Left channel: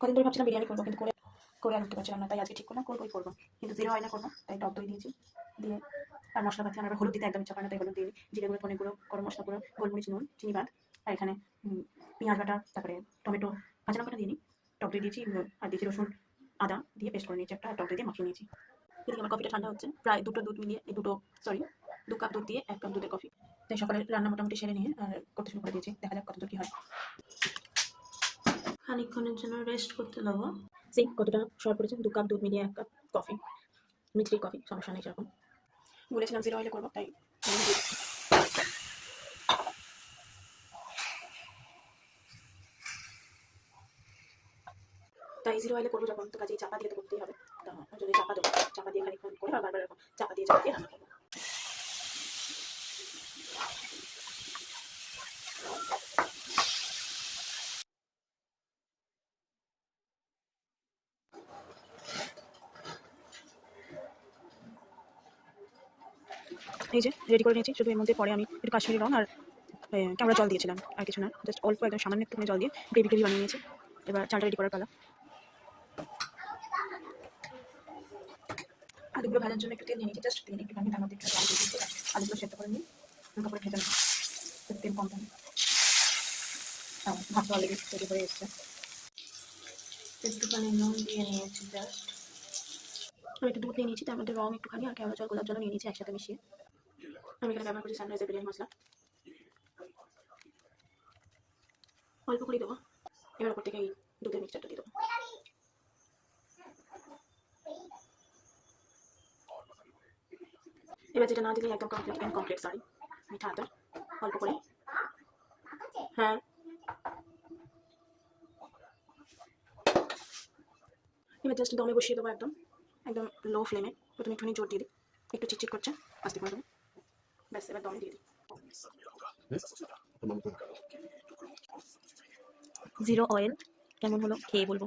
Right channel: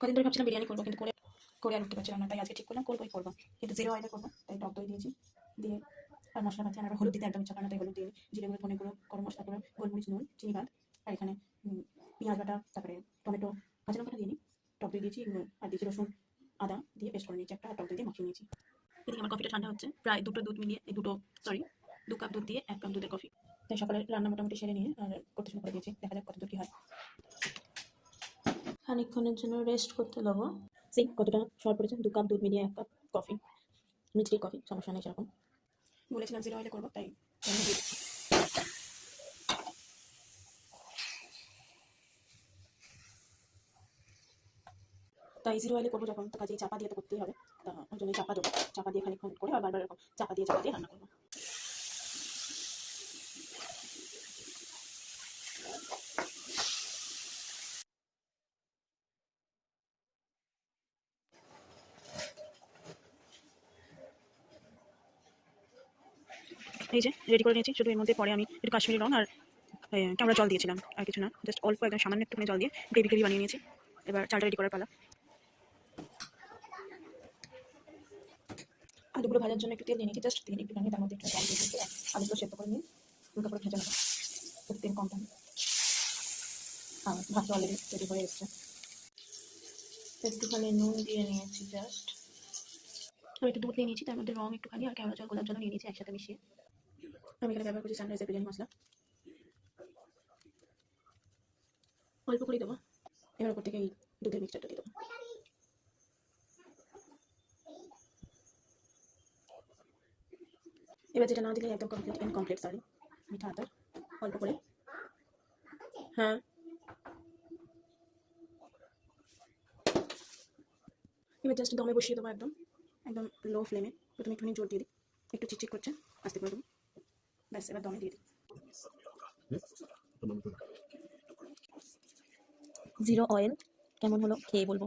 কদিন ধরে ভাবছিলাম বিরিয়ানি করবো, কিন্তু করে আর উঠতে পারছিলাম না, তাই আজকে ঠিক করলাম করবো, কিন্তু জিরো অয়েলে করবো। তাই টক দই দিয়েছি, দিয়ে আর মশলাপাতি আমার হলুদ দিতে একদম ইচ্ছা করে না, তাই হলুদ দিয়ে জিরে গুঁড়ো, ধনে গুঁড়ো, গরম মশলা গুঁড়ো, গোলমরিচ, নুন, চিনি বাদ। আর এখানে পেঁয়াজ বাটা, তারপরে টমেটো কাঁচা লঙ্কাটা দিয়ে নিই, টক দই দিয়েছি, আর দিয়েছি রসুন আদা দিয়ে পেস্ট করে নিয়েছি একটা, টক দই দিয়ে মাখিয়ে নিয়েছি। এদিকে আমার কফিটা ঠান্ডা হচ্ছে, প্রায় দুটো দুধ মিলিয়ে দু কাপ দুধ দিয়ে 1 কাপ দুধের কফি। তাই সকালে রান্না মোটামুটি সেরে নিয়ে আর করতে শুরু করে দিয়েছি, দেখা যাক কতদূর কি হয়। খানিকক্ষণের জন্য রেস্ট করতে দেবো। কতটা সর পড়েছে, 2 কাপ দুধ মিলিয়ে 1 কাপ কফি, মিষ্টি কফি, সমস্যা নেই সেরকম। বলেছিলাম জিরো অয়েলে করবো, তাই জিরো অয়েলে করবো যখন, তো কাজে চাপা দিয়ে তো করতেই হবে। ওই জন্য চাপা দেবো, চাপা দিয়ে খানিকক্ষণ করে আর বারবার এরকম চাপা দিয়ে রান্না করবো। এই যে রেডি করে নিয়েছি, শুধু এর মধ্যে পরে আমি একটু কাশ্মীরি রং আর কেমন জল দিয়েছিলাম, আর কিছু না, জাস্ট অল্প একদম সামান্য একটুখানি জল দিয়ে গ্রেভি বানিয়ে নিয়েছি। এবার চালটা রেডি করার পালা। আলুগুলো ভাজার জন্য একটু তেল নিয়ে নিয়েছি, জাস্ট তেল একটু বানিয়ে তার মধ্যে একটু আলুগুলো সেদ্ধ করে নিয়ে হালকা করে ভেজে নেবো, তেল কম থাকে। ভাতটা অলরেডি রেডি হয়ে এসছে, একটুখানি নুন দিয়ে নিয়েছি জাস্ট। আমি একটু দুধ নিয়ে নিয়েছি, তার মধ্যে রং একটুখানি আর কেওড়া জল, গোলাপ জল নিয়ে নিয়েছি একসাথে মিশিয়ে। আমি এখানে ব্যবহার করছি সানরাইজের বিরিয়ানি মশলা, অল্প করে দেবো। এবার ওপর থেকে এই দুধের মিক্সচারটা দিয়ে দেবো। এবার যেটা না দিলে একদম ইনকমপ্লিট, সরি, মিঠা আতর অল্প করে। হ্যাঁ, এবার জাস্ট দমে বসিয়ে দেবো, একদম একদম লো ফ্লেমে। প্রথমে একটুখানি জোর দিয়ে দিই, একটু চিটচিট করছে, আস্তে করে দেবো, ব্যাস এবার দমে দিয়ে দিই। জিরো অয়েল কেমন হলো খেয়ে বলবো।